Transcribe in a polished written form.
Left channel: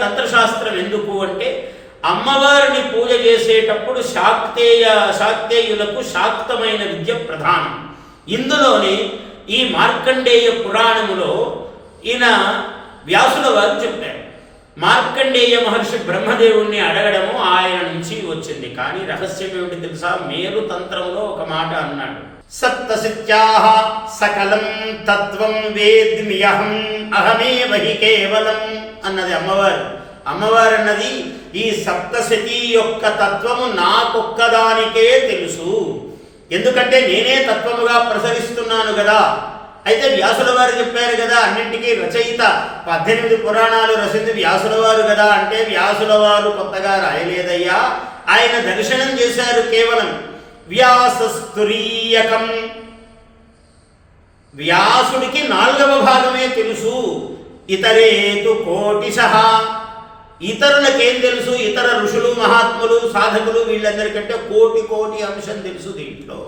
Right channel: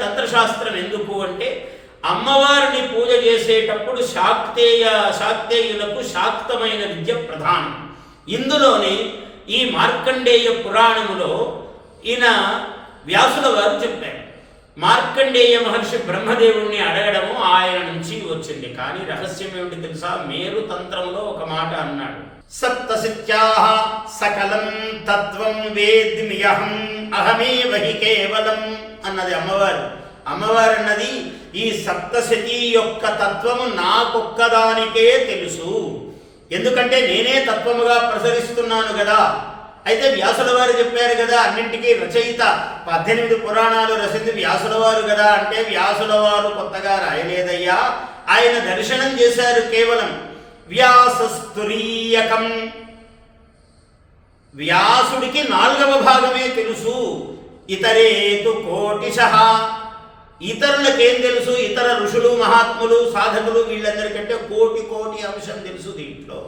తంత్రశాస్త్రం ఎందుకు అంటే అమ్మవారిని పూజ చేసేటప్పుడు శాక్తేయులకు శాక్తమైన విద్య ప్రధానం. ఇందులోని ఈ మార్కండేయ పురాణములో ఈయన వ్యాసుల వారు చెప్పారు. మార్కండేయ మహర్షి బ్రహ్మదేవుణ్ణి అడగడము ఆయన నుంచి వచ్చింది. కానీ రహస్యం ఏమిటి తెలుసా? మేరు తంత్రంలో ఒక మాట అన్నాడు. సప్తసిత్యాః సకలం తత్వం వేద్మ్యహం అహమేవ హి కేవలం అన్నది అమ్మవారు. అమ్మవారు అన్నది ఈ సప్తశతి యొక్క తత్వము నాకొక్కదానికే తెలుసు, ఎందుకంటే నేనే తత్వముగా ప్రసరిస్తున్నాను కదా. అయితే వ్యాసుల వారు చెప్పారు కదా, అన్నింటికీ రచయిత 18 పురాణాలు రచింది వ్యాసుల వారు కదా అంటే వ్యాసుల వారు కొత్తగా రాయలేదయ్యా, ఆయన దర్శనం చేశారు. కేవలం వ్యాసస్తురీయకం, వ్యాసుడికి 4వ భాగమే తెలుసు. ఇతరేతు కోటిశః, ఇతరులకేం తెలుసు? ఇతర ఋషులు మహాత్ములు సాధకులు వీళ్ళందరికంటే కోటి అంశం తెలుసు దీంట్లో.